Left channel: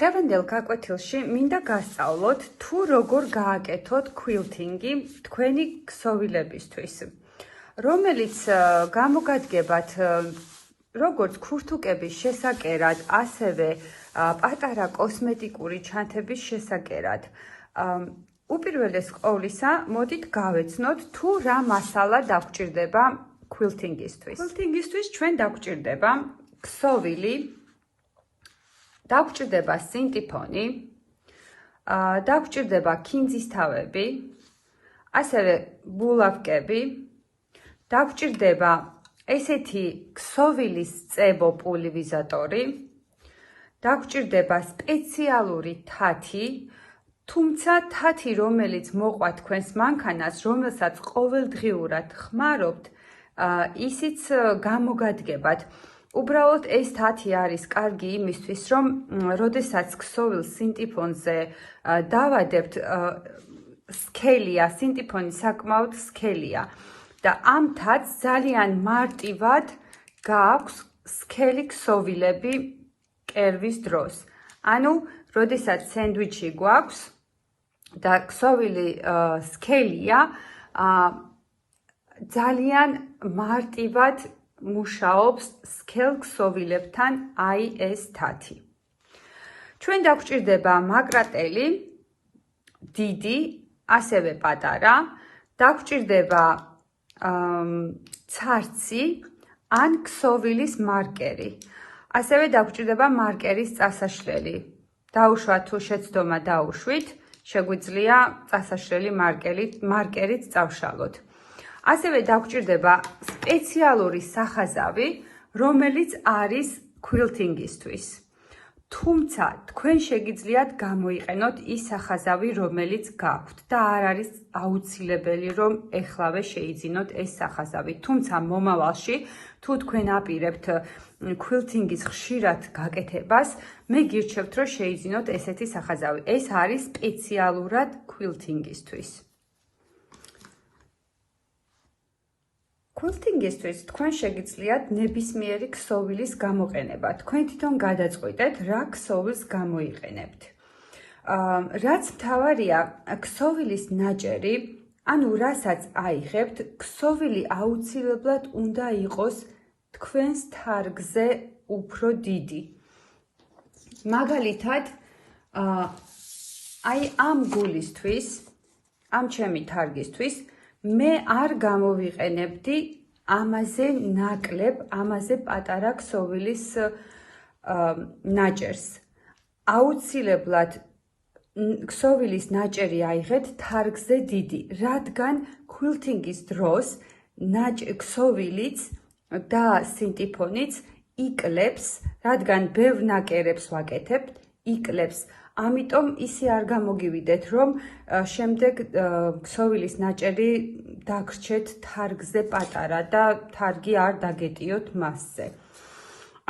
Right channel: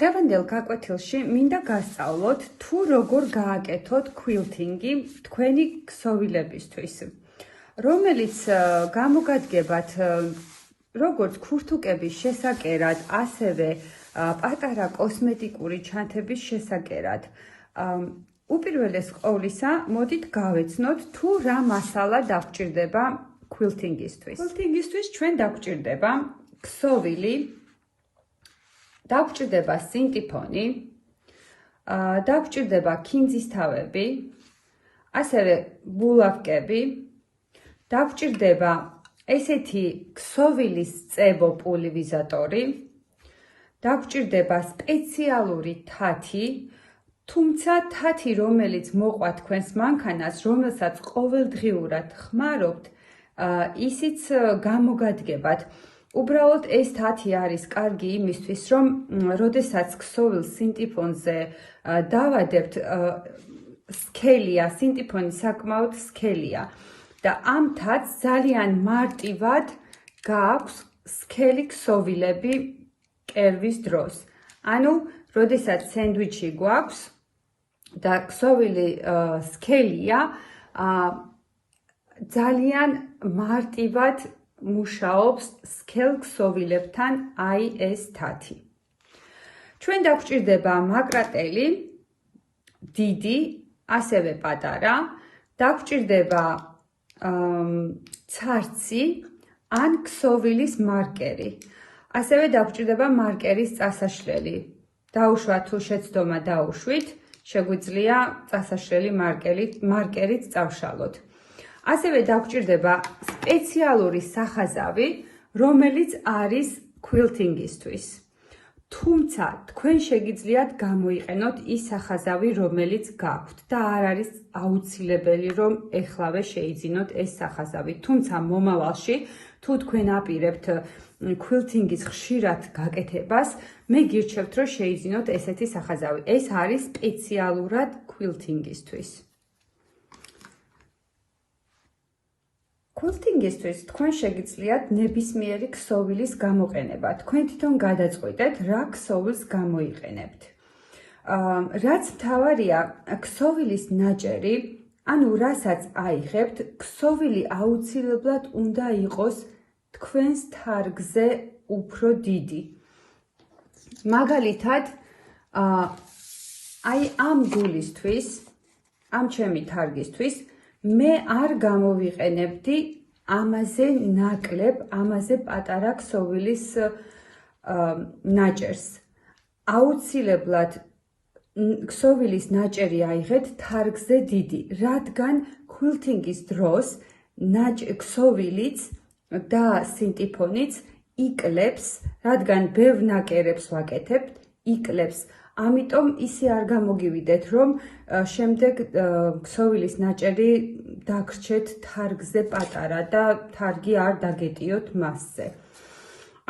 დღევანდელ გაკვეთილში მინდა გასწავლოთ თუ როგორ გააკეთოთ ქვილთინგი თქვენი ქსოვილებისთვის, რომელიც გამოგადგებათ როგორც ქურთუკების შესაკერად, ასევე პატარა კოსმეტიკური ჩანთების შესაკერად. უპირველეს ყოვლისა, მოდით გავეცნოთ თუ რა მასალა დაგჭირდება ქვილთინგისთვის. ქვილთინგისთვის ჩვენ დაგჭირდება ქსოვილი, დაგჭირდება სინტიფონი, დაგჭირდება ქინძის თავები, ასევე ბულავკები, დაგჭირდება ესეთი ქსოვილის წებო პულვერიზატორი, დაგჭირდება სპეციალური თათი, თუმცა თათი, რომელიც მოყვა თქვენს მანქანას, რომელსაც ყოველდღიურად ხმარობთ, ისიც გამოგადგებათ. უბრალოდ ეს თათი არის კარგი იმისთვის, რომ როდესაც ქსოვილ სინტიფონზე დავადებთ, სქელია, სინტიფონი საკმაოდ სქელია და ამ თათს ძალიან მარტივად გააქვს სქელი ქსოვილები კერვის დროს. ანუ, როდესაც სენდვიჩი გვაქვს და ქსოვილი სქელია, ძალიან მარტივად მუშაობს სქელ ქსოვილებთან აი ეს თათი. ჩვენ დაგჭირდება მაკრატელი, დიდი, ასევე პატარა, დაგჭირდება ცარცი ან ქსოვილის მარკერი. ასევე დაგჭირდება მარკერის წასაშლელი. დაუშვათ თუ შეცდომა დაუშვით, შეგვიძლია წასაშლელი მარკერით წავშალოთ. ასევე დაგჭირდება სპეციალური სახაზავი, რომელიც არის ქვილთინგისთვის. თუმცა თქვენ შეგიძლიათ გამოიყენოთ ის სახაზავი, რომელიც გაქვთ და არ არის აუცილებელი, რომ ეხლავე შეიძინოთ ეს სახაზავი. თუმცა მომავალში, თუ თქვენ აპირებთ ქვილთინგის ხშირად გაკეთებას, მე გირჩევთ, რომ შეიძინოთ ესეთი სახაზავი. ეს არის სპეციალურად ქვილთინგისთვის. ქვილთინგისთვის თქვენ შეგიძლიათ ნებისმიერი ქსოვილის გამოყენება. თქვენ თვითონ გადაწყვიტეთ, რა ქსოვილს გამოიყენებთ. რაც მთავარია, ქსოვილის ნაჭერი, ანუ რასაც აიღებთ, ქსოვილი აუცილებლად უნდა იყოს თქვენს თარგზე უფრო დიდი. მაგალითად, აი ამ გულისთვის, ამ ჩემი თარგისთვის, მე არ გამოვიყენებდი ამაზე ნაკლებ, ამაზე პატარა ქსოვილის ნაჭერს. აუცილებლად ქსოვილის ნაჭერი აიღეთ თარგზე დიდი, რადგან ქვილთინგის დროს ქსოვილიც და სინტიფონიც იკლებს, რადგან ბევრ ნაკერებს ვაკეთებთ, იკლებს. ამიტომ ისე არ გამოგივიდეთ, რომ შემდეგ ქსოვილის ნაჭერი დაგრჩეთ თარგზე პატარა და თარგი არ დაგეტიოთ მასზე.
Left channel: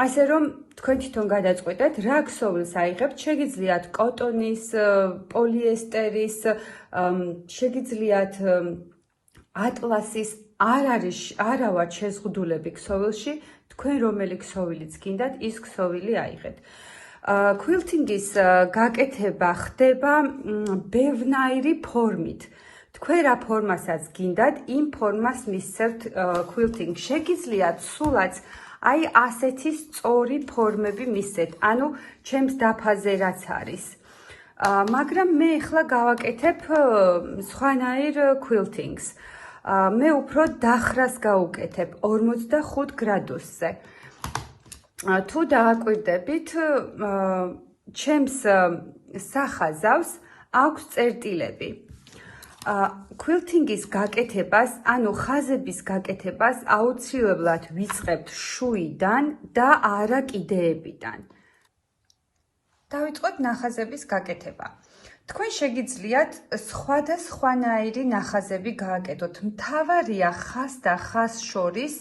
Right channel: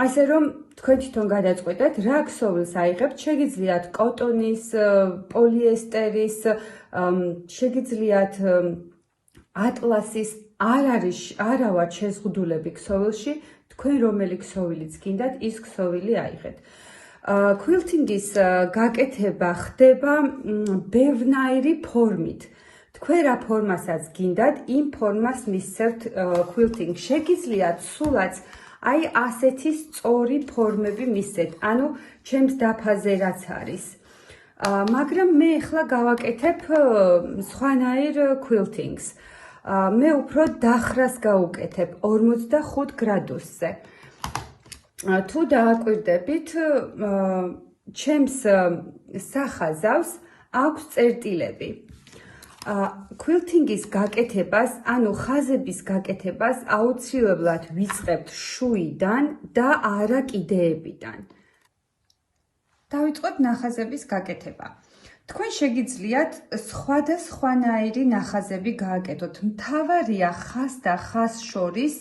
ასე რომ თქვენ თვითონ გადაწყვეტეთ, რა ქსოვილს აიღებთ, შეგიძლიათ კოტონის, პოლიესტერის, შეგიძლიათ ატლასის, არ ვართ შეზღუდულები ქსოვილში, თქვენ რომელი ქსოვილიც გინდათ, ის ქსოვილი აიღეთ. ქვილთინგის გაკეთება ხდება ბევრნაირი ფორმით. თქვენ რა ფორმასაც გინდათ, იმ ფორმას მისცემთ ქვილთინგს. შეგიძლიათ სულაც აი ასეთი სწორი ფორმები მისცეთ, ანუ ჩემს დაფაზე რაც არის. მაგრამ მე ახლა გავაკეთებ სხვანაირ ქვილთინგს. მე უფრო დახრას გავუკეთებ 45 გრადუსზე. თუ დააკვირდებით, ჩემს სახაზავს აქვს წერტილები. ქვილთინგის გაკეთებას, ანუ ხაზების გაკეთებას აუცილებლად ვიწყებთ შუიდან და არა კიდეებიდან. დავიწყოთ ნახაზების გაკეთება. თქვენ შეგიძლიათ სხვადასხვანაირი ნახაზები გააკეთოთ. მთავარია ხაზ და ხაზ შორის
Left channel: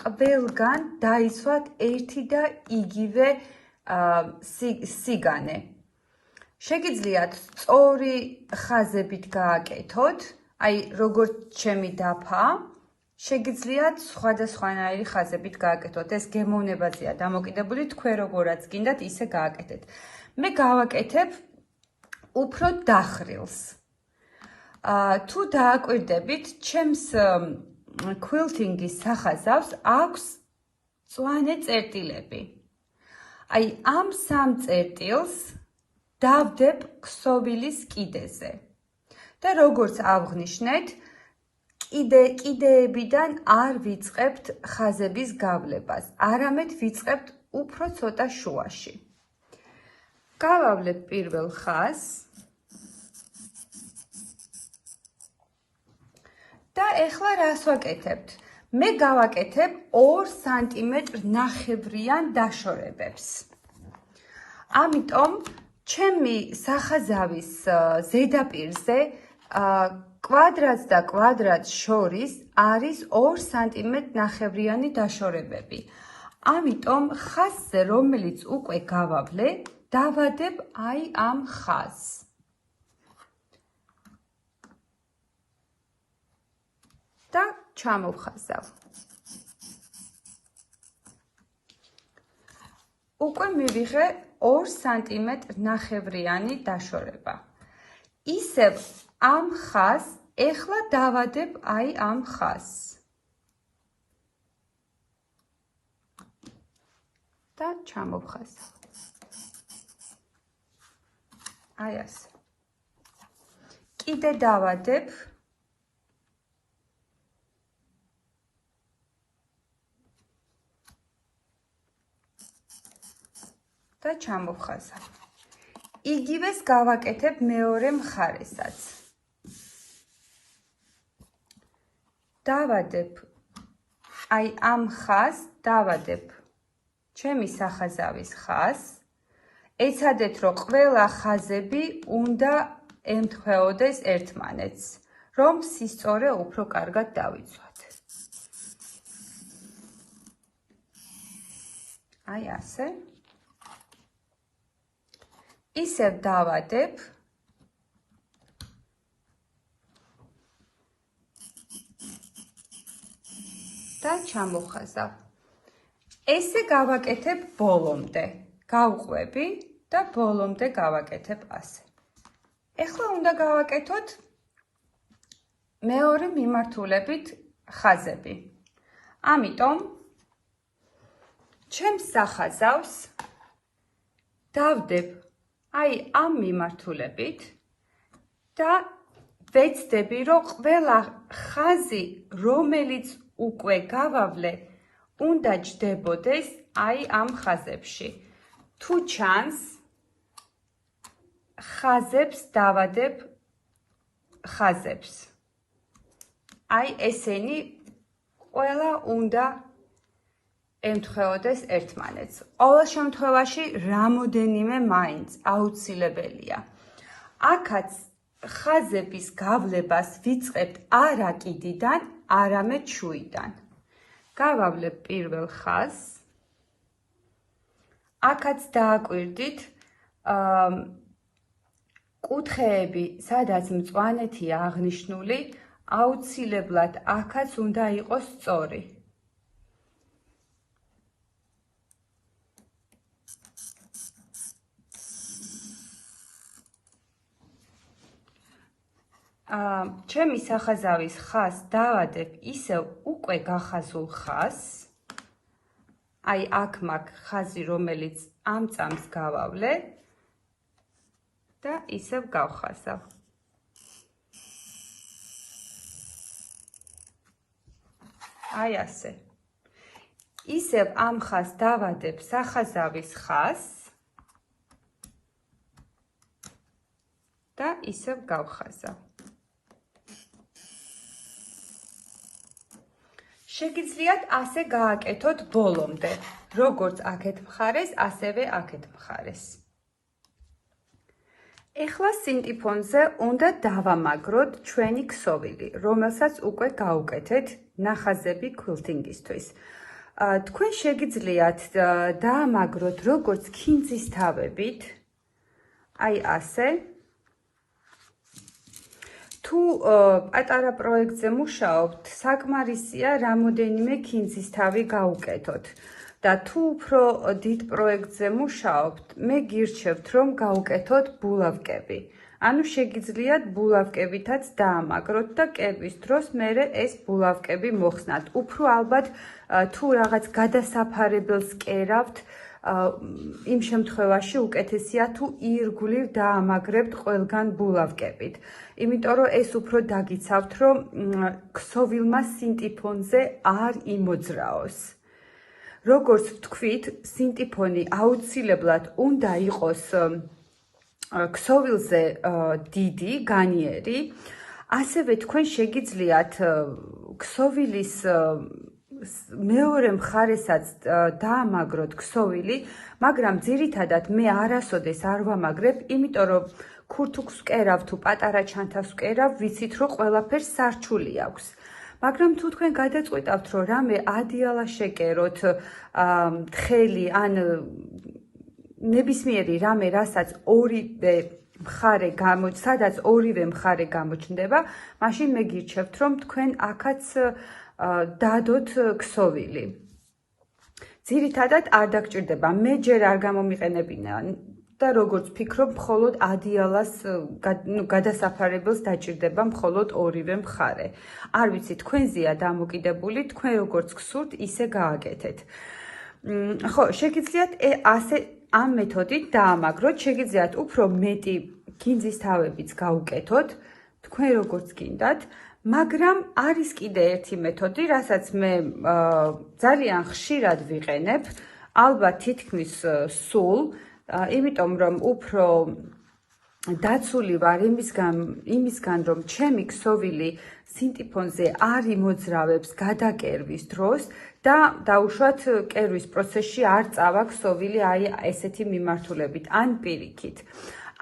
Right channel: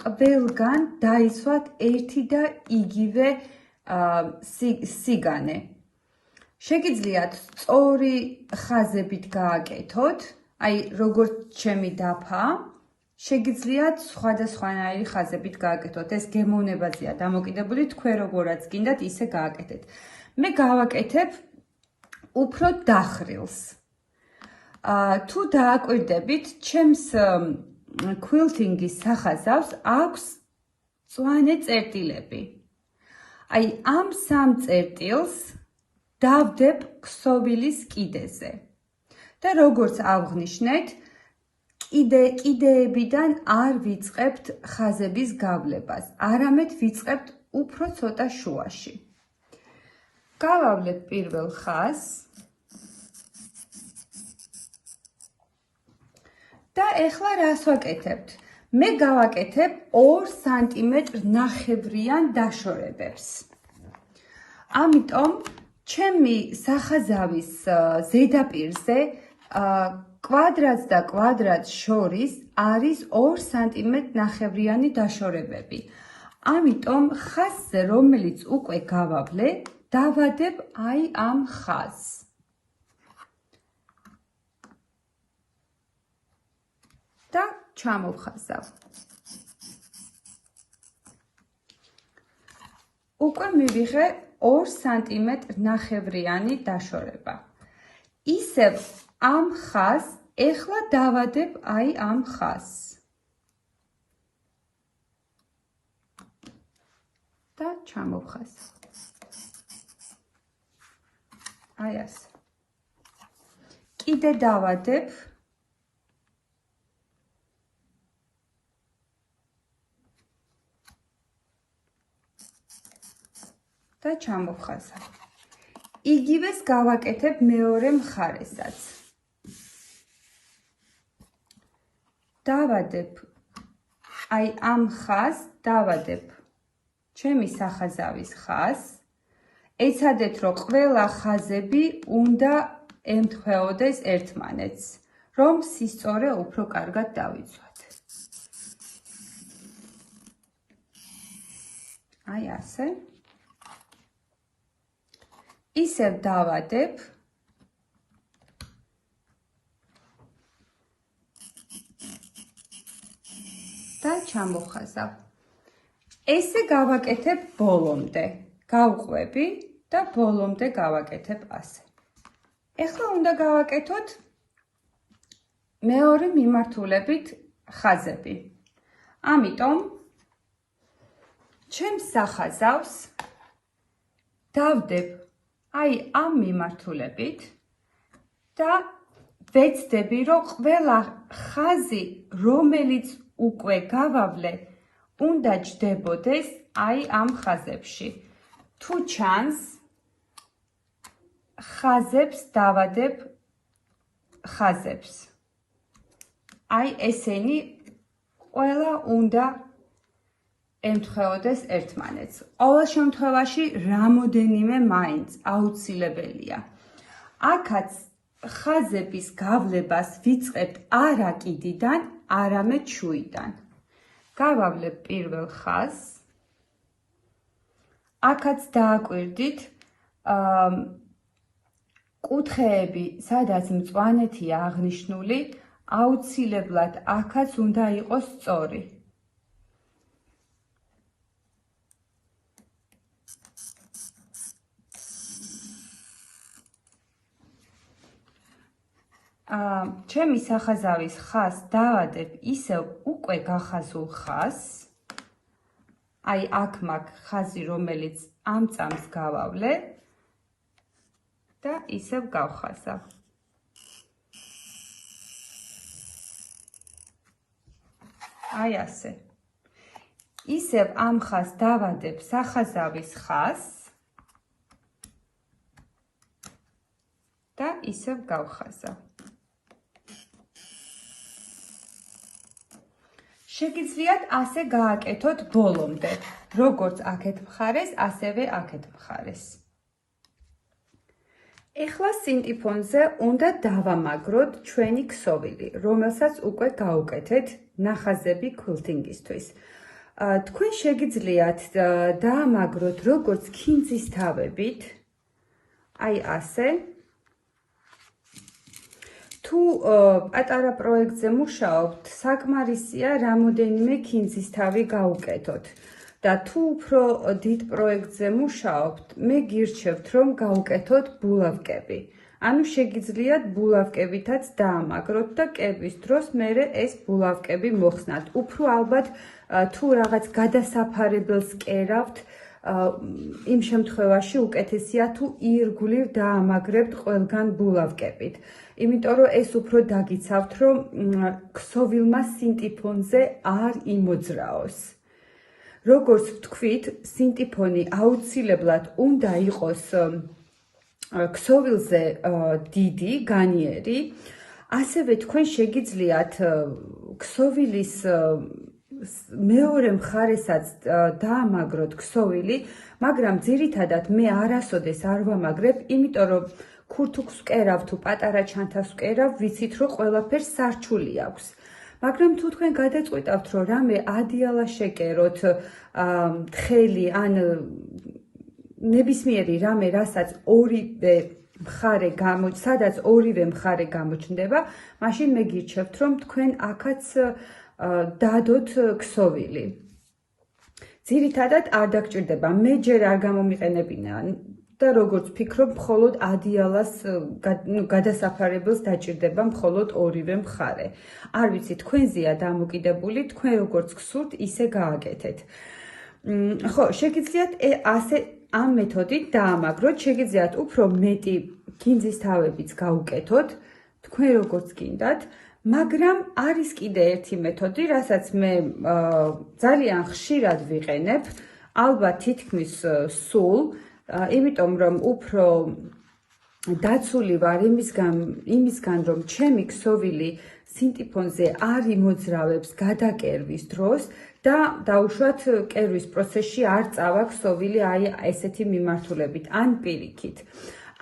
ყველგან დაისვათ ერთი და იგივე სიგანე. შეგიძლიათ სწორი ხაზებით გააკეთოთ, აი როგორც ჩემი დაფა, შეგიძლიათ სხვადასხვანაირი ხაზებით გააკეთოთ. ეს გემოვნებაზეა დამოკიდებული, თქვენ როგორაც გინდათ, ისე გააკეთეთ. მე გავაკეთებ უფრო დახრილს. თუ დააკვირდებით, ჩემს ქვილთინგის სახაზავს აქვს მწვანე წერტილები. აი ამ სამ წერტილს დავდებ ქსოვილის კიდეზე. და როგორც აღვნიშნეთ, კიდეებიდან არ ვიწყებთ ხაზების გავლებას, არამედ ვიწყებთ უფრო ცოტა შუაში. გავავლებ პირველ ხაზს და ეხლა რას ვაკეთებთ? მე გავაკეთებ 2 სანტიმეტრ ნახევრიან დაშორებებს. ამიტომ ჩემი სახაზავის ზედაპირზე კვადრატს და კვადრატს შორის არის 2 სანტიმეტრ ნახევრიანი დაშორებები. ამიტომ ხაზზე, რომელიც უკვე გავავლე, დავადებ აი ამ ხაზს. და ჩამოვხაზავ. უკვე მივიღე 2 სანტიმეტრ ნახევრიანი დაშორება. ისევ ამ ხაზს ეხლა დავადებ აი ამ ხაზს. და ჩამოვხაზავ. აი ასე. კიდე დავადებ და ჩამოვხაზავ. იგივეს გავაკეთებ მეორე მხარესაც. დავადებ აი ამ ხაზს, დავადებ ჩემი სახაზავის ხაზს. ეცადეთ, რომ ყველა ხაზები უნდა ემთხვეოდეს ერთმანეთს, რომ სისწორე უფრო კარგად დავიცვათ. აი ასე. ისევ დავადებ და ჩამოვხაზავ. ესე გავაკეთებ ბოლომდე. გავყვები და ბოლომდე გავაკეთებ ასე. ეხლა უნდა გავაკეთოთ მეორე მიმართულებით ხაზები. ამიტომ ჩემს სახაზავს დავდებ აი ამ მიმართულებით და ვეცდები, რომ ყველა ხაზი, რომელიც უკვე გავავლე, უნდა ჯდებოდეს აი ამ ხაზებში. თუ ჩანს, ხაზებს დავადებ ხაზებს. აი ესენი ყველა უნდა ემთხვეოდეს ერთმანეთს. ყოველ შემთხვევაში რამოდენიმე მაინც აუცილებელია. აქაც ხაზების გავლებას ვიწყებთ არა კიდიდან, არამედ შუიდან. გავავლებ პირველ ხაზს. აქაც დააკვირდით, კუთხეები, სადაც მწვანეთია აღნიშნული, აუცილებლად აქაც უნდა იყოს სწორი. ჩემი სახაზავის ხაზს დავადებ ისევ უკვე გახაზულ ხაზს. აი აქ მაქვს ხაზი, რომელიც ამ წამს გავავლე და ისევ გავხაზავ. აი ასე. ისევ ამ ხაზს დავადებ სახაზავის ხაზს და ისევ გავხაზავ. შეგიძლიათ ასე გააკეთოთ ბოლომდე, როგორც აქეთ მხარეს, ასევე აქეთ მხარეს. ეხლა სინტიფონზე უნდა დავამაგროთ ჩვენი ქსოვილი, რომელსაც უკვე გავუკეთეთ ნახაზები ქვილთინგისთვის. თქვენ შეგიძლიათ დაამაგროთ როგორც ქინძის თავებით, აი ასე. თუ პატარა პროექტზე მუშაობთ, საკმარისია რამოდენიმე ქინძის თავი გაუკეთოთ. და თუ უფრო დიდ პროექტზე მუშაობთ, მე გირჩევთ, რომ გავუკეთოთ ბულავკები. ანუ შეგიძლიათ ბულავკებითაც დაამაგროთ და კერვის დროს მერე ეს ბულავკები მოხსნათ. უფრო ალბათ თუ რაღაც გადასაფარებელს კერავთ, იმ შემთხვევაში უკეთესია თუ ირგვლივ დაამაგრებთ ყველგან ბულავკებით. იმიტომ რომ ეს უფრო დაგიცავთ, რომ ქსოვილმა სინტიფონზე არ იმოძრაოს. როგორც ვთქვით, სინტიფონი აუცილებლად უნდა იყოს ქსოვილზე დიდი, განიერი, ასევე თქვენ შეგიძლიათ ქსოვილის მეორე მხარესაც დაამაგროთ ქსოვილი, მაგრამ ძირითადად მე არასოდეს არ ვამაგრებ, იმიტომ რომ ქურთუქს ვკერავ თუ პატარა ჩანთას ვკერავ, ვიცით რომ ყველაფერს სარჩული აქვს. მაგრამ თუ თქვენ გადაწყვიტავთ, რომ რამე ადიალა შეკეროთ, თხელი ან ნებისმიერი რამე, რასაც სადაც ორივე მხარე გამოჩნდება, მაშინ მე გირჩევთ, რომ თქვენ აქაც დადოთ ქსოვილი. ძირითადად არ დაგჭირდება, მე ჯერ არ გამომიყენებინა და როგორც ვფიქრობ, მხოლოდ ადიალას გადასაფარებელს დაჭირდება მხოლოდ ორივე მხარე. არ ვიცი, თქვენზეა დამოკიდებული, თქვენ როგორც გსურთ, ისე გააკეთეთ. ხო, შეგიძლიათ ასე ამ მეთოდით დაამაგროთ, შეგიძლიათ უფრო მეტი გინძის თავებიც გაუკეთოთ, თქვენ როგორც გინდათ, მაგრამ არის კიდე ერთი მეთოდი, რასაც მე ძალიან ხშირად ვიყენებ, ალბათ თითქმის სულ, იმიტომ რომ უფრო დაცული ვარ იმისგან, რომ ჩემი ქსოვილი სინტიფონზე არ იმოძრავებს გადაკერვის დროს და დაუშვათ კერვის პროცესში არ წავა ქსოვილი აი ესეთი მიმართულებით ან პირიქით.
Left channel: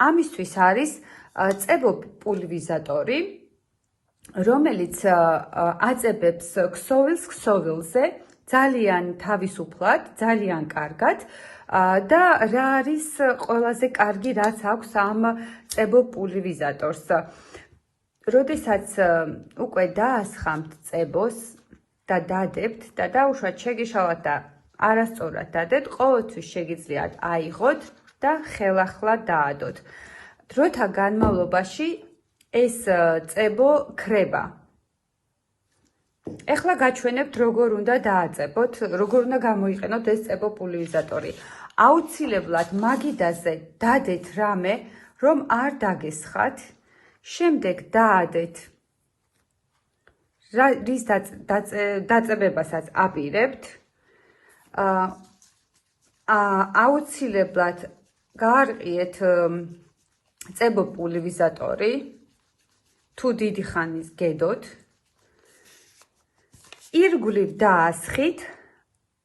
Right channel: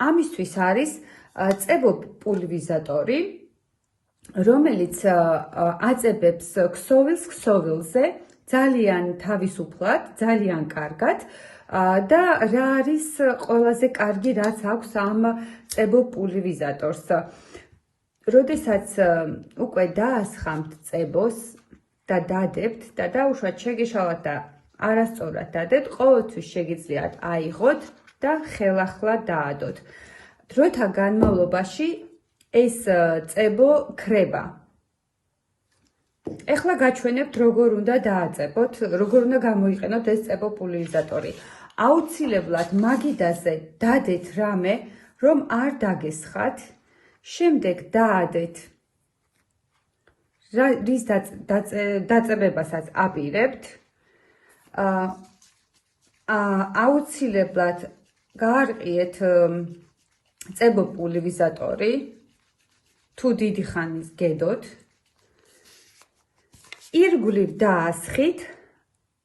ამისთვის არის წებო პულვერიზატორი, რომელიც აწებებს ქსოვილს ქსოვილზე ძალიან თავისუფლად, ძალიან კარგად და რა არის ყველაზე კარგი, რაც აქვს ამ წებო პულვერიზატორს. როდესაც უკვე დაასხამთ წებოს და დადებთ და დაუშვათ შეგეშალათ და არასწორად დადეთ, ყოველთვის შეგიძლიათ აიღოთ და ხელახლა დაადოთ. დროთა განმავლობაში ეს წებო ქრება. ეხლა გაჩვენებთ, როგორ უნდა დააწებოთ, როგორ უნდა გამოიყენოთ ეს წებო პულვერიზატორი. აუცილებლად მაგიდაზე დადეთ რამე, რომ არ დაგესხათ. შემდეგ დაადეთ რის დაწებებასაც აპირებთ. აუცილებლად გაარყიეთ წებო პულვერიზატორი, თუ დიდი ხანის გედოთ. ირგვლივ დაასხით.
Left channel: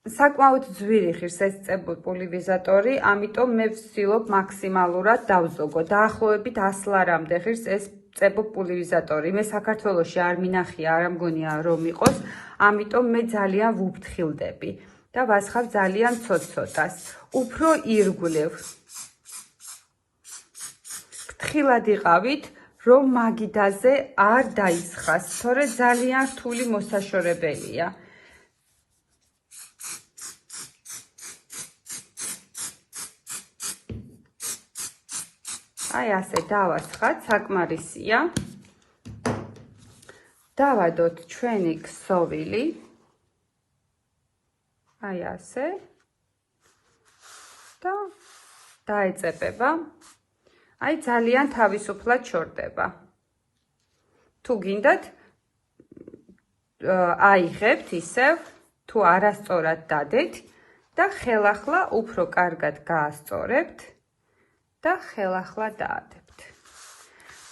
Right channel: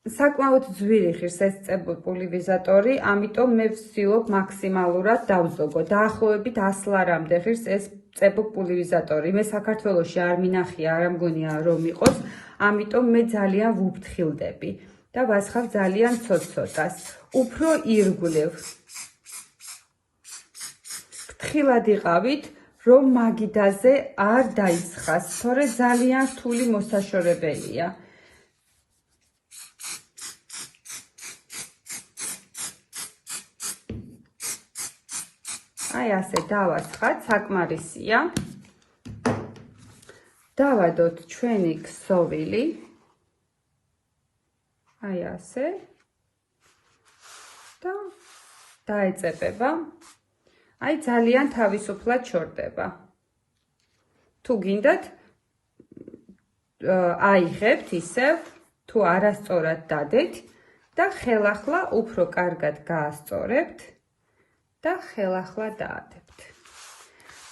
საკმაოდ ძვირი ხის ეს წებო პულვერიზატორი, ამიტომ მე ვცდილობ მაქსიმალურად დავზოგო. დაახლოებით 100 ლარამდე ხის ეს წებო პულვერიზატორი. მე საქართველოში არ მინახია, არ მგონია რომ იყოს, ამიტომ მე ძალიან ვუფრთხილდები და ვასხავ ძალიან ცოტ-ცოტას. უფრო ირგვლივ. ფრთხილად იყავით, რომ მაგიდაზე არ დაისხას, თორე ძალიან რთული მოსაშორებელია. აი ასე დავასხათ, საკმარისია. დავადოთ ჩვენი ქსოვილი. აი ასე. და დაეწებება. აი ძალიან თავისუფლად შორდება. თუ გინდათ აიღებთ ისევ, თუ არასწორად დადეთ და ხელახლა უფრო კარგად გაასწორებთ და ხელახლა დაადებთ.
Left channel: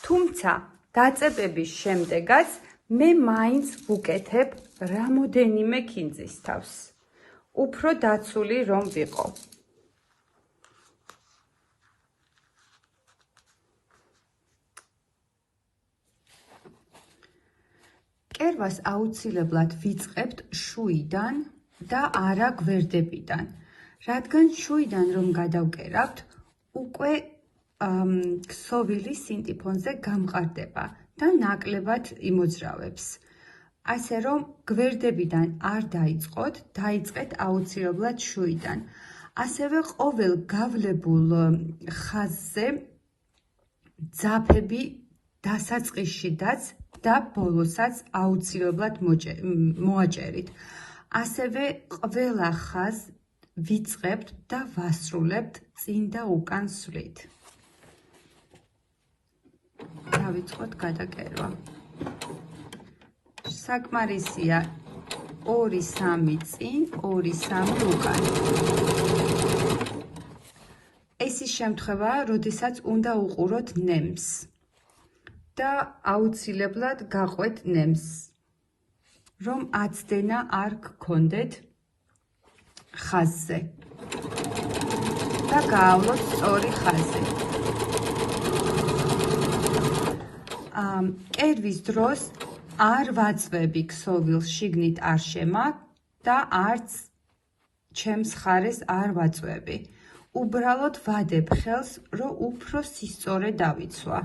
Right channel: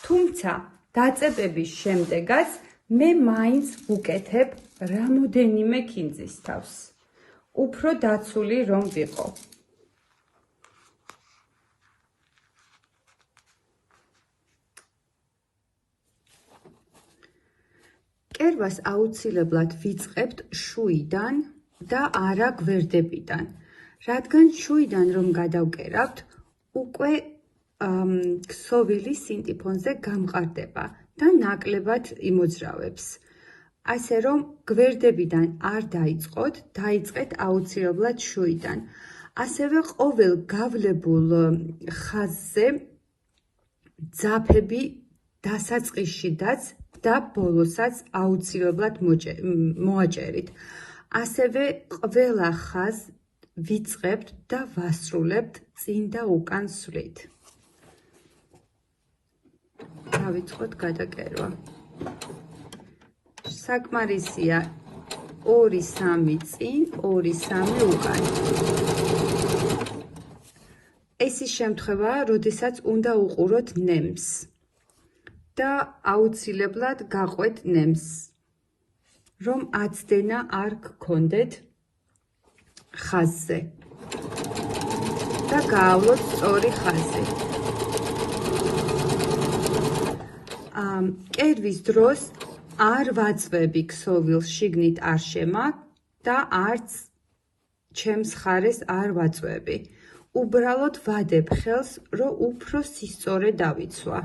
თუმცა დაწებების შემდეგაც მე მაინც ვუკეთებ რამოდენიმე ქინძის თავს. უფრო დაცული რომ ვიყო. კერვას აუცილებლად ვიწყებთ შუიდან და არა გვერდებიდან, რადგან შუიდან რომ გადავკერავთ, უკვე ქსოვილი სინტიფონზე გამყარდება და ნაკლებად იმოძრავებს. ასე რომ გვერდებიდან არ დაიწყოთ, დაიწყეთ აუცილებლად შუიდან. ასევე ყოველ გავლებულ ხაზზე ძაფები დასაწყისშიდაც და ბოლოსაც აუცილებლად მოაჭერით. ასევე ყველა ხაზს ვიწყებთ და ვასრულებთ წინ და უკან სვლით. დავიწყოთ გადაკერვა. საკმარისია 2-3 წინ, 2-3 უკან. ეს ის შემთხვევაა, როდესაც უნდა უყუროთ ნემს და აუცილებლად გაყვეთ ნემს, რომ აცდენა არ გქონდეთ ხაზზე და გაავლოთ სწორი ხაზი. კერვის დროს არ ვაწვევი ქსოვილს შიგნით არ შემა და არც ჩემს ხარეს არ ვაწვევი. უბრალოდ ვადებ ხელს, რომ უფრო სისწორე დავიცვა.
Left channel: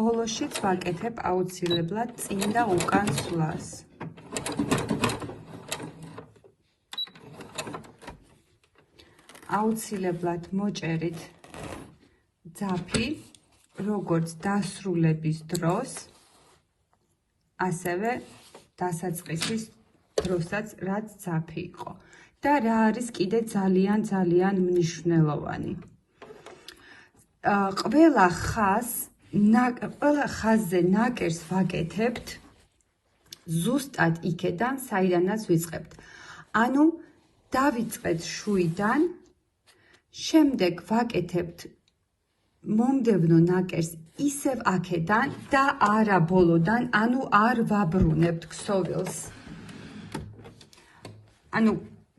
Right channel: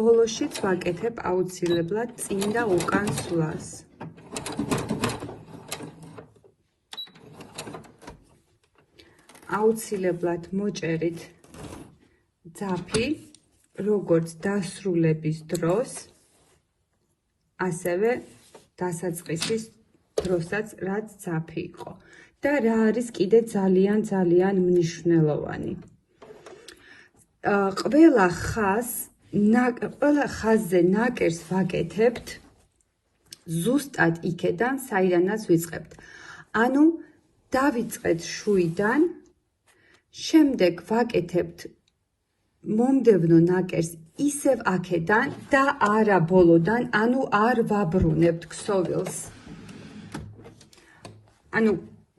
ბოლოშიც ვაკეთებ აუცილებლად წინ და უკან სვლას. აუცილებლად მოჭერით ძაფი, როგორც დასრულების დროს, ასევე დასაწყისის დროსაც, რაც ძაფი იყო. და რა არის კიდე ძალიან მნიშვნელოვანი. ყველა ხაზზე ნაკერს ვაკეთებთ ზუსტად იქედან, საიდანაც ვიწყებთ. ანუ დავიწყეთ შუიდან, შემდეგ ვაკეთებთ მომდევნო ნაკერს ისევ აქედან და არა ბოლოდან, ანუ არ ვაბრუნებთ ქსოვილს. ანუ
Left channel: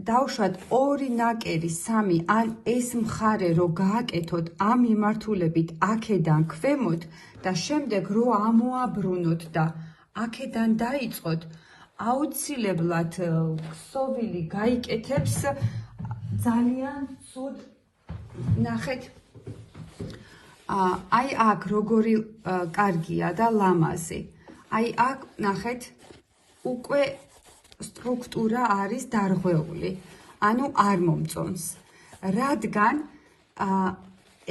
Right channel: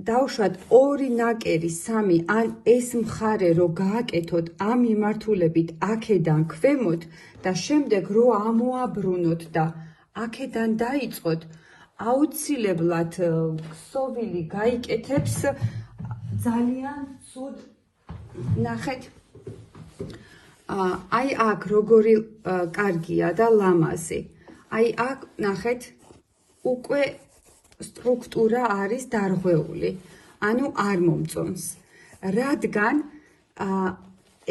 დავუშვათ 2 ნაკერი, 3, ან ეს მხარე რო გააკეთოთ ამ მიმართულებით აქედან ქვემოთ და შემდეგ რო ამოაბრუნოთ და აქედან დაიწყოთ, აუცილებლად ქსოვილი გაიკეთებს ძალიან ცუდ. ნახეთ, აი აქ როგორი კარგია და ლამაზი. აი აქ ნახეთ, უკვე სტრუქტურა არის დარღვეული, ანუ არ მომწონს, რადგან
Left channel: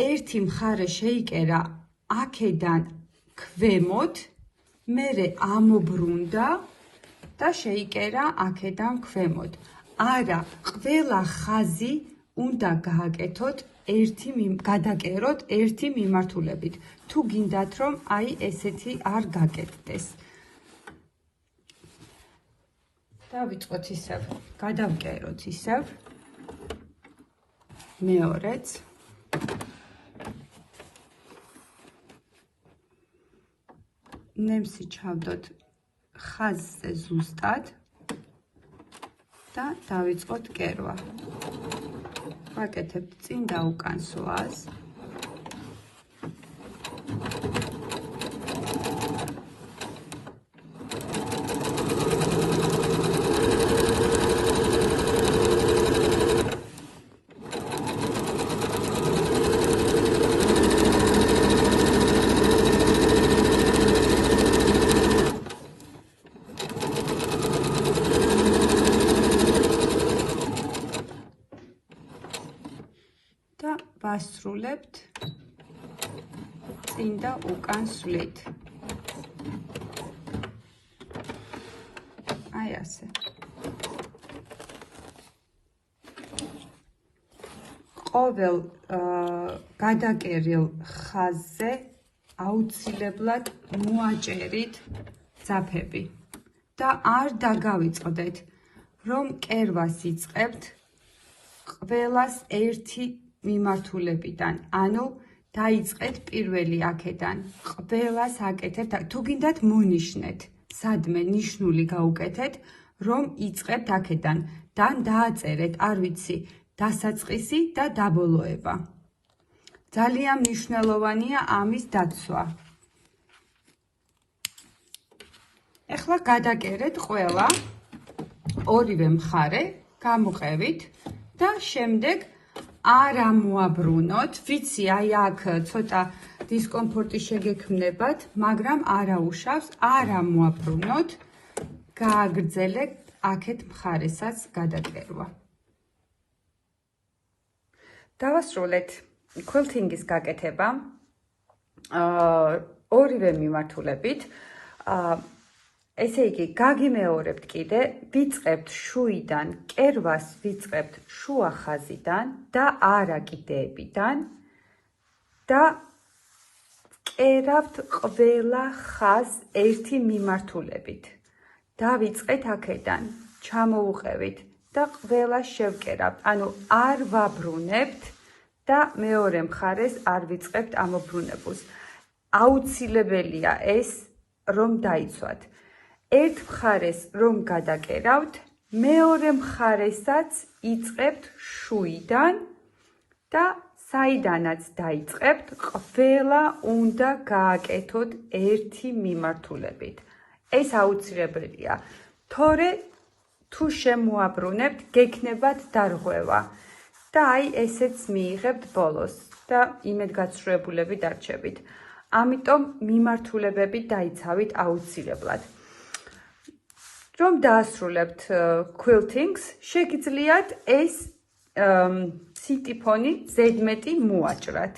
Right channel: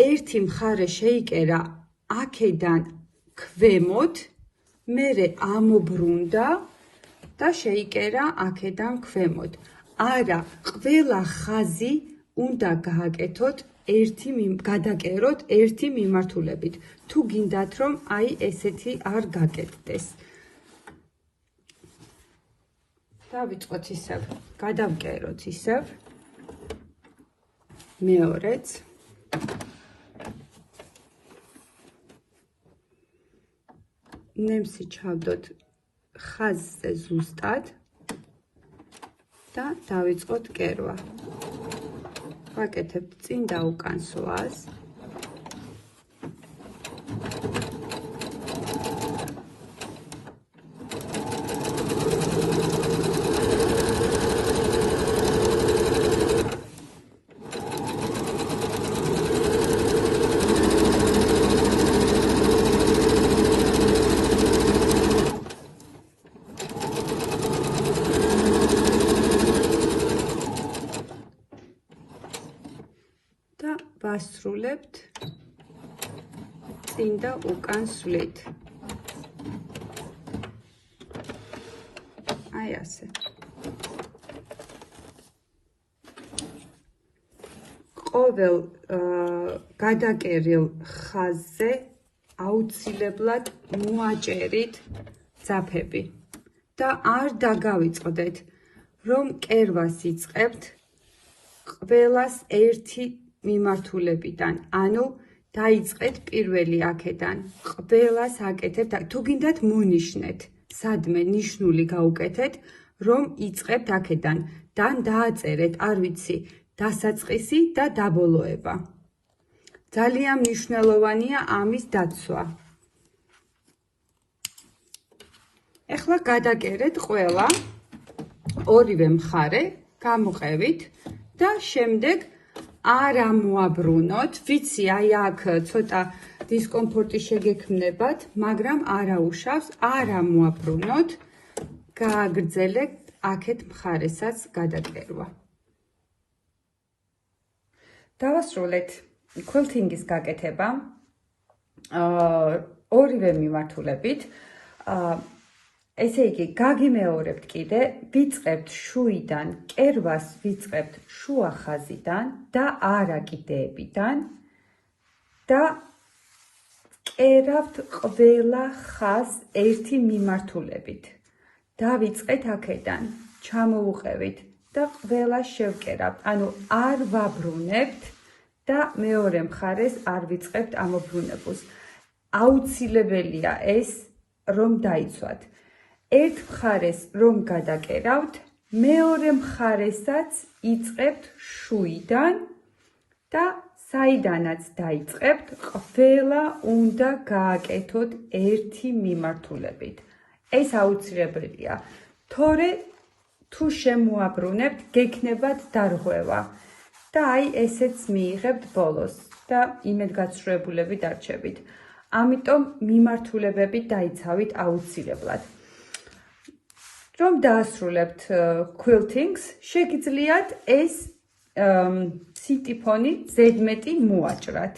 ერთი მხარე შეიკერა აქედან ქვემოთ, მერე ამობრუნდა და შეიკერა აქედან ქვემოთ. არა, ყველა ხაზი უნდა გააკეთოთ გადაკეროთ ერთი მიმართულებით. თუ გინდათ, რომ აი ესეთი არ გაკეთდეს. დავიწყოთ ისევ, გადავკეროთ ისევ, მეორეც. ნემსი ჩავდოთ ხაზზე ზუსტად და დავიწყოთ კერვა. ვაკეთებთ წინ და უკან სვას. და ვასრულებთ წინ და უკან სვლით. აი ასე. ყოველ გადაკერილ ხაზზე აუცილებლად მოაჭერით ძაფები და არ დაგავიწყდეთ, რომ კერვას იწყებთ ყველას ერთი მიმართულებიდან, ანუ დაიწყეთ პირველი აქედან, ყველას აკეთებთ, თუ გინდათ მონიშნეთ, სადმე ნიშნული გაუკეთეთ, რომ იწყებთ აქედან და დააწერეთ, არ ვიცი, დასაწყისი და დაბოლოება. ძალიან მნიშვნელოვანია ამის დაცვა. ეხლა გადაგერეთ ყველა ორივე მხარე, გამოყევით და შემდეგ არ ამოაბრუნოთ. ვიცი, აი აქ ცოტა დისკომფორტი შეგექმნებათ, მაგრამ არაუშავს, არ ამოაბრუნოთ, გააგრძელეთ აქეთ მხარესაც გადაკერვა. დავასრულეთ ქვილთინგის გაკეთება ორივე მიმართულებით. ესე იგი, გაგიმეორებთ კიდე, ვიწყებთ შუიდან, კერვას ვიწყებთ შუა ხაზიდან და არა კიდეებიდან და კერავთ ყველა ხაზს ერთი მიმართულებით. დავიწყეთ აქედან, ჩამოუყევით და ყველა შევკერავთ. ანუ არ ვაბრუნებთ და მეორე მხარეს არ ვიწყებთ ამობრუნებულს. აუცილებელია ეს, რომ დაიცვათ. ერთ მხარეს რომ გადაკერავთ, მეორე მხარესაც იწყებთ შუიდან და საიდანაც დაიწყებთ, ყველა უნდა გააკეთოთ ერთი მიმართულებით. ეს აუცილებელია. თორე თუ შემოაბრუნებთ, გექნებათ დარღვევა და აი ესეც მიიღებთ ბოლოს და იმედგაცრუებულები დარჩებით. ამიტომ მიმართულებები დაიცავით აუცილებლად. რომ დაასრულებთ quiltings, შეგიძლიათ ეს სინტიფონი ზედმეტი მოაჭრათ.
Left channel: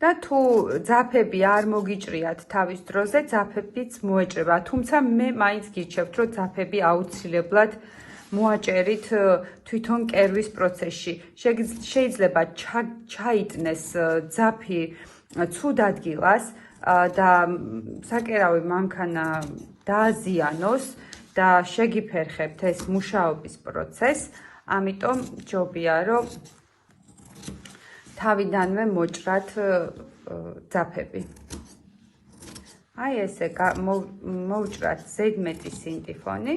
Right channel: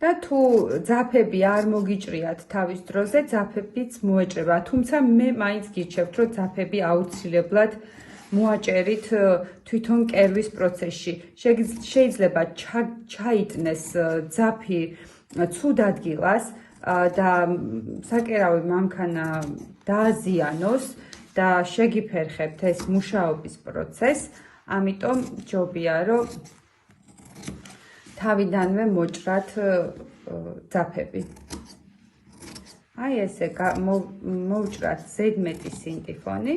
და თუ ძაფები არ მოგიჭრიათ თავის დროზე, ძაფებიც მოეჭრება. თუმცა მე მაინც გიჩვენებთ, რომ ძაფები აუცილებლად მოაჭერით თვითონ კერვის პროცესში. შეიძლება ჩაიტნეს ძაფი ცუდ ადგილას და საკერავი მანქანა დააზიანოს და შეგიფერხებთ ეს მუშაობის პროცესს. ამიტომ ჯობია, რომ თავიდანვე მოჭრათ ძაფები. აი ესე მოვჭრათ ზედმეტი სინტიფონი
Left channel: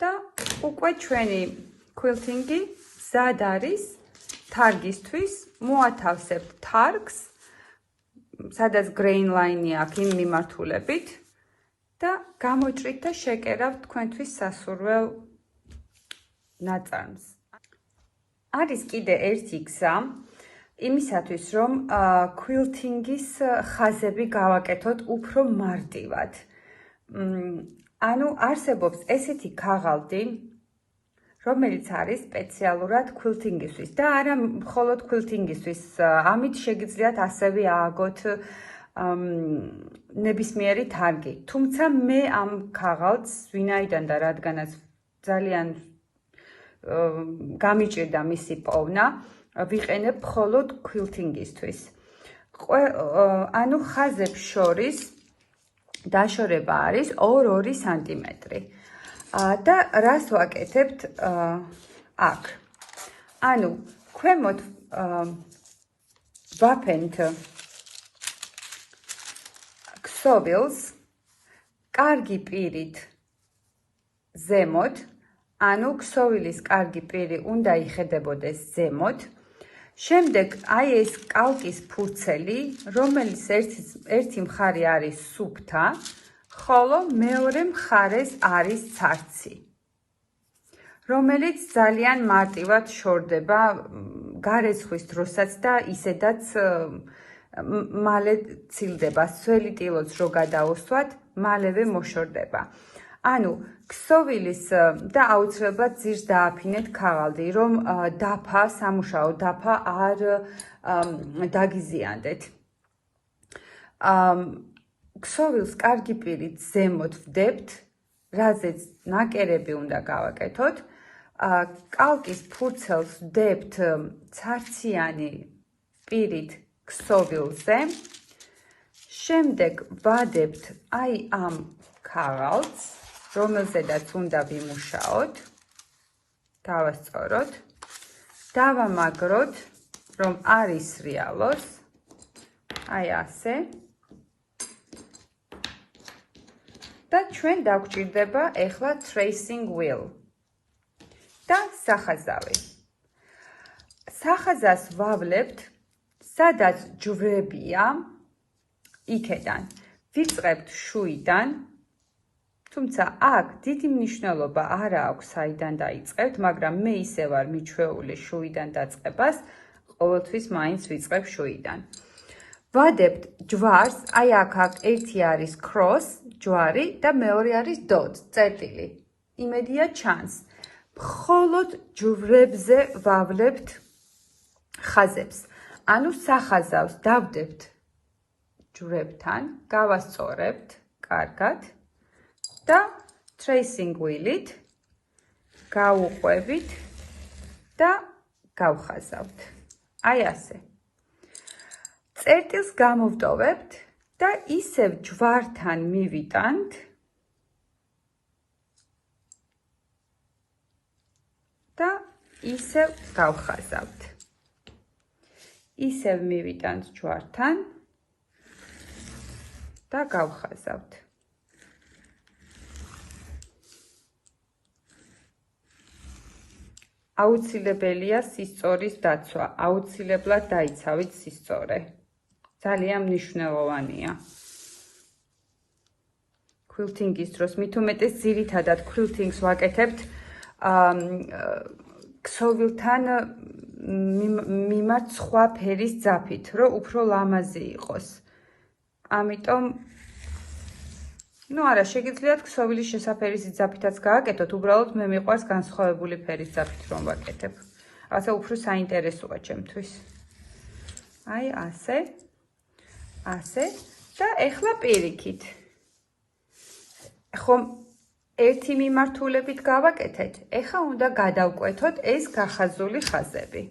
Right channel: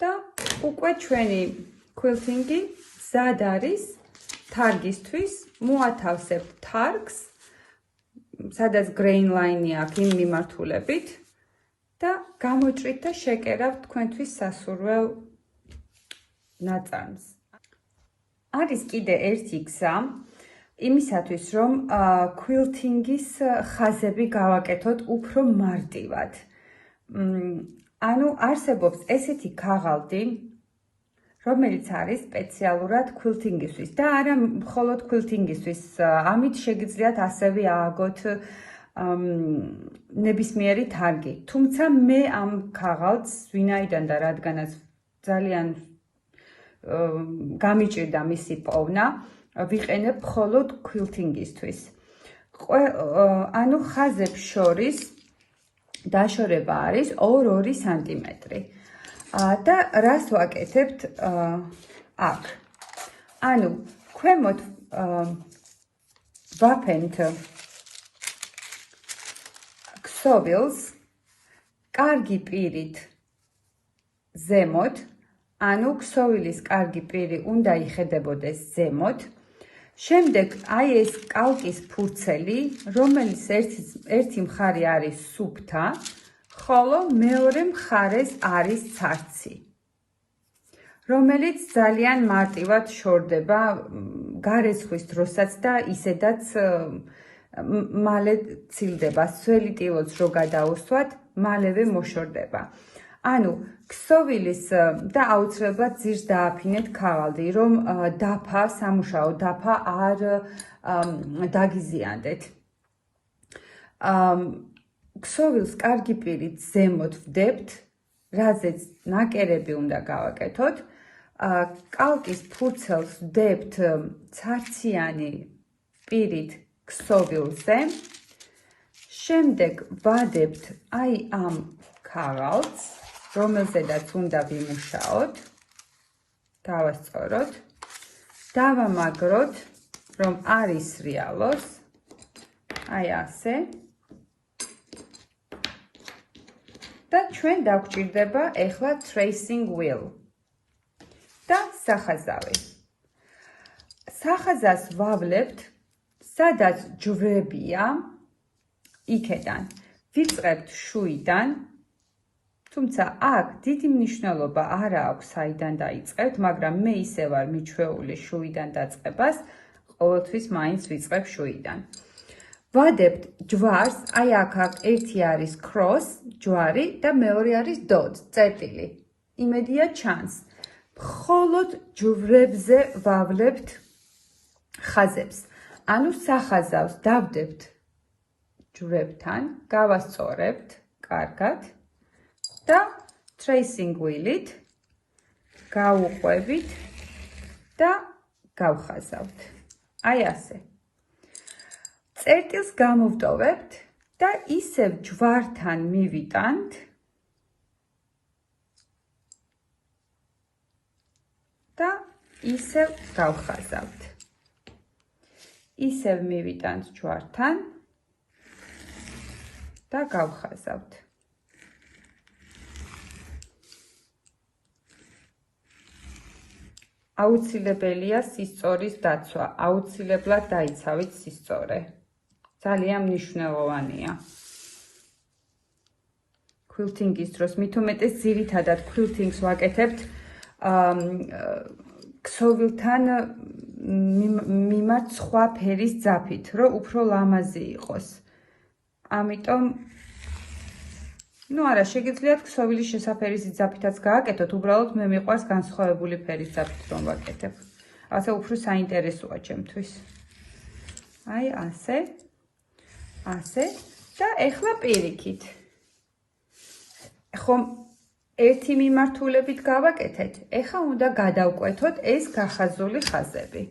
და უკვე ჩვენი quiltingi მზად არის თარგისთვის. მოათავსებთ თარგს, სადაც grain line-ი აქვს იმ მიმართულებით და გამოჭრით და შეკერავთ თქვენთვის სასურველ ნაწარმს. არის კიდე ერთი გზა იმისათვის, რომ quilting-ის ხაზები გავაკეთოთ უფრო მარტივად. ანუ არსებობს ესეთი ქაღალდი, რომელიც არის სპეციალურად quilting-ისთვის და არა მხოლოდ quilting-ისთვის. ამით შეგიძლიათ ასევე ააგოთ ნებისმიერი თარგი. თუმცა მე ამ ქაღალდს, ვინაიდან და რადგანაც ძალიან გამიჭირდა მისი პოვნა, ვიყენებ მხოლოდ quilting-ისთვის. ანუ ხაზებს შორის დაშორება არის 2-2 სანტიმეტრი. და რას ვაკეთებთ აქ? ანუ ქვემოთ ვაფენთ ქსოვილს კარგი პირით ზემოთ, ანუ ქსოვილის კარგი პირი უნდა იხედებოდეს ზემოთ. შემდეგ აი ეს კალკის ფურცელი, რომელიც ერთი მხარე არის სუფთა, ხოლო მეორე მხარეს არის ცარცი, რომელიც ძალიან მარტივად შორდება გარესხვის დროსაც და ისედაც მალე ცილდება. სველი ტილოც რო გადაუსვათ, მალევე მოშორდება. ანუ ქსოვილის და აუცილებლად ძირს დააფინეთ ქაღალდი, რომ დაფა, სამუშაო დაფა არ დაგიზიანდეთ. ქსოვილს კარგი პირით ზემოთ ვდებთ, რაზეც ნაკერები უნდა გავაკეთოთ. კალკის ფურცელს ვდებთ ცარციანი პირით ქსოვილზე. შემდეგ ვადებთ აი ამ ქაღალდს, რომელზედაც უნდა ვიმუშაოთ. დავასწოროთ, დავამაგროთ, რომ არ ისრიალოს. აი ასე. და ჩვენ დაგვჭირდება ეხლა tracing wheel. სახაზავი. სახაზას ვავლებთ, სადაც ჯვრებია, იქედან ვიწყებთ შუიდან, თუმცა აქ დიდი მნიშვნელობა არ აქვს საიდან დაიწყებთ, მაგრამ მე ისე ვარ მიჩვეული შუიდან დაწყებას, ყოველთვის მაინც ვიწყებ შუიდან. ვადებთ ჯვარს, აი აქ ერთი არის cross, ჯვარი და მეორე არის dot, წერტილი. იმედია ჩანს. მხოლოდ ჯვრებზე ვავლებთ ხაზებს. ანუ სახაზავს დავდებთ ჯვრებთან, გავასწორებთ კარგად და tracing wheel-ით გავუყვებით და გავხაზავთ. აი ასე. წერტილს გამოვტოვებთ და ისევ ჯვართან მივიტანთ და ისევ გავხაზავთ. ისევ მივიტანთ ჯვართან და გავხაზავთ. აუცილებელია სისწორის დაცვა, აუცილებლად დაიცავით სისწორე. ძალიან მნიშვნელოვანია. ქვილთინგის დროს, მით უმეტეს ძირითადად ქვილთინგს ვაკეთებთ ქსოვილთან მიმართ სხვა ფერის ძაფით, რომ უფრო ლამაზი იყოს. ამიტომ არა, შეგიძლიათ ქსოვილის შესაფერისი ძაფითაც გააკეთოთ, უბრალოდ მე მიყვარს განსხვავებული ფერის ძაფით რომ ვაკეთებ. ასე უფრო საინტერესოა ჩემთვის. აი ასე. ასე და ეხლა პირიქით. ხომ ერთი მიმართულებით გავაკეთეთ, ეხლა უნდა გადავკვეთოთ ეს გახაზული ხაზები.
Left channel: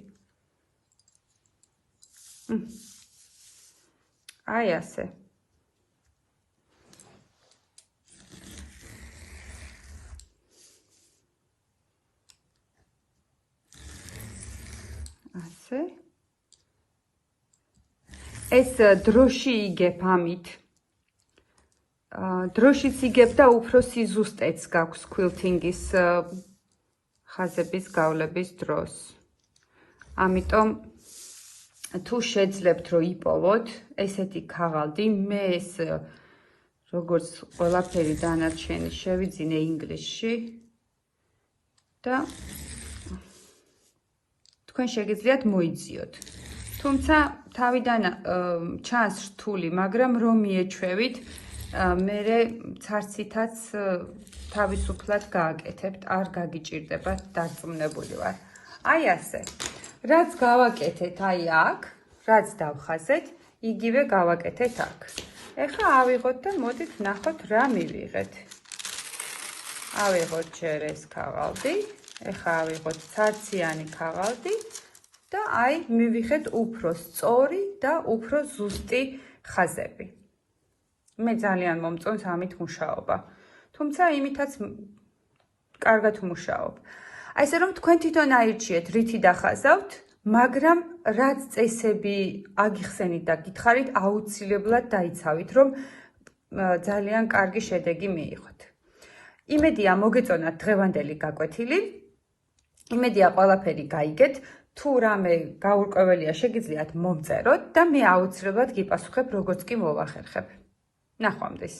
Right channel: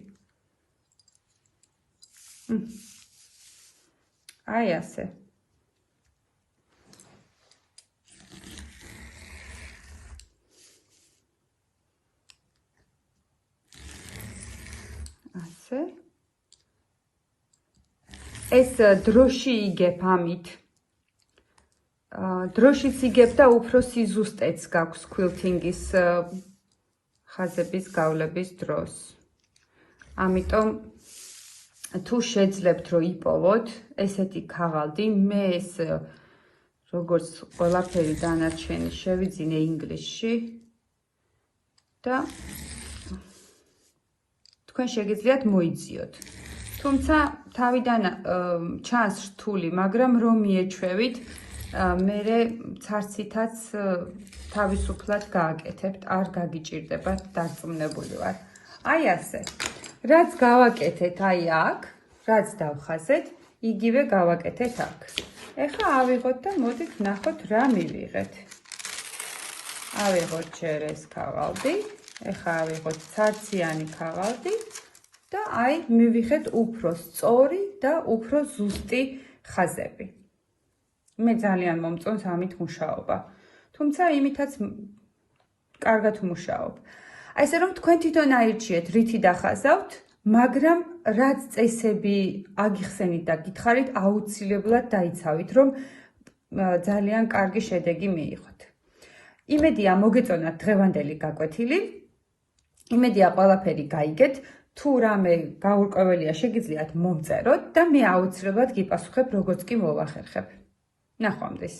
აი ასე. ასე. ეს დროში იგებ ამით. დროშიც იგებ და უფრო სიზუსტეც გაქვს ქვილთინგის ხაზების გავლების დროს. ამიტომ თუ შეძლებთ რომ იპოვოთ ესეთი ქაღალდი, მე ეს როგორც ყველაფერი დანარჩენი შევიძინე ინგლისში და თქვენ შეგიძლიათ მოიძიოთ. თუმცა თავიდან ჩანს რთული, მაგრამ რომ მიეჩვევით, მერე ცაცითაც თავისუფლად გააკეთებთ, არ გაგიჭირდებათ, დარწმუნებული ვარ. აი ასე. რაც გავაკეთეთ აი აქ, რაც დავხაზეთ, იგივე გავაკეთეთ აქ. ეხლა ავიღოთ და მოდით ნახოთ რა მივიღეთ. ავიღოთ ჯერ ეს ქაღალდი, ეხლა ავიღოთ ცაციანი ქაღალდი და აი მივიღეთ უფრო სწორი და უფრო ზუსტი ხაზები. მე ძალიან მომწონს ამით მუშაობა. თუმცა იმითაც კარგად მუშაობ. ასე რომ თქვენ თვითონ აირჩიეთ, რითი დახაზავთ, მაგრამ რაც წესები აგიხსენით და გითხარით, აუცილებლად დაიცავით, რომ ძალიან კარგი შედეგი მიიღოთ. იმედია მოგეწონათ დღევანდელი გაკვეთილი. იმედია ყველაფერი გაიგეთ. თუ რამე გაურკვეველია, შეგიძლიათ მომწეროთ და მე აუცილებლად გიპასუხებ, როგორც კი მოვახერხებ. ნახვამდის.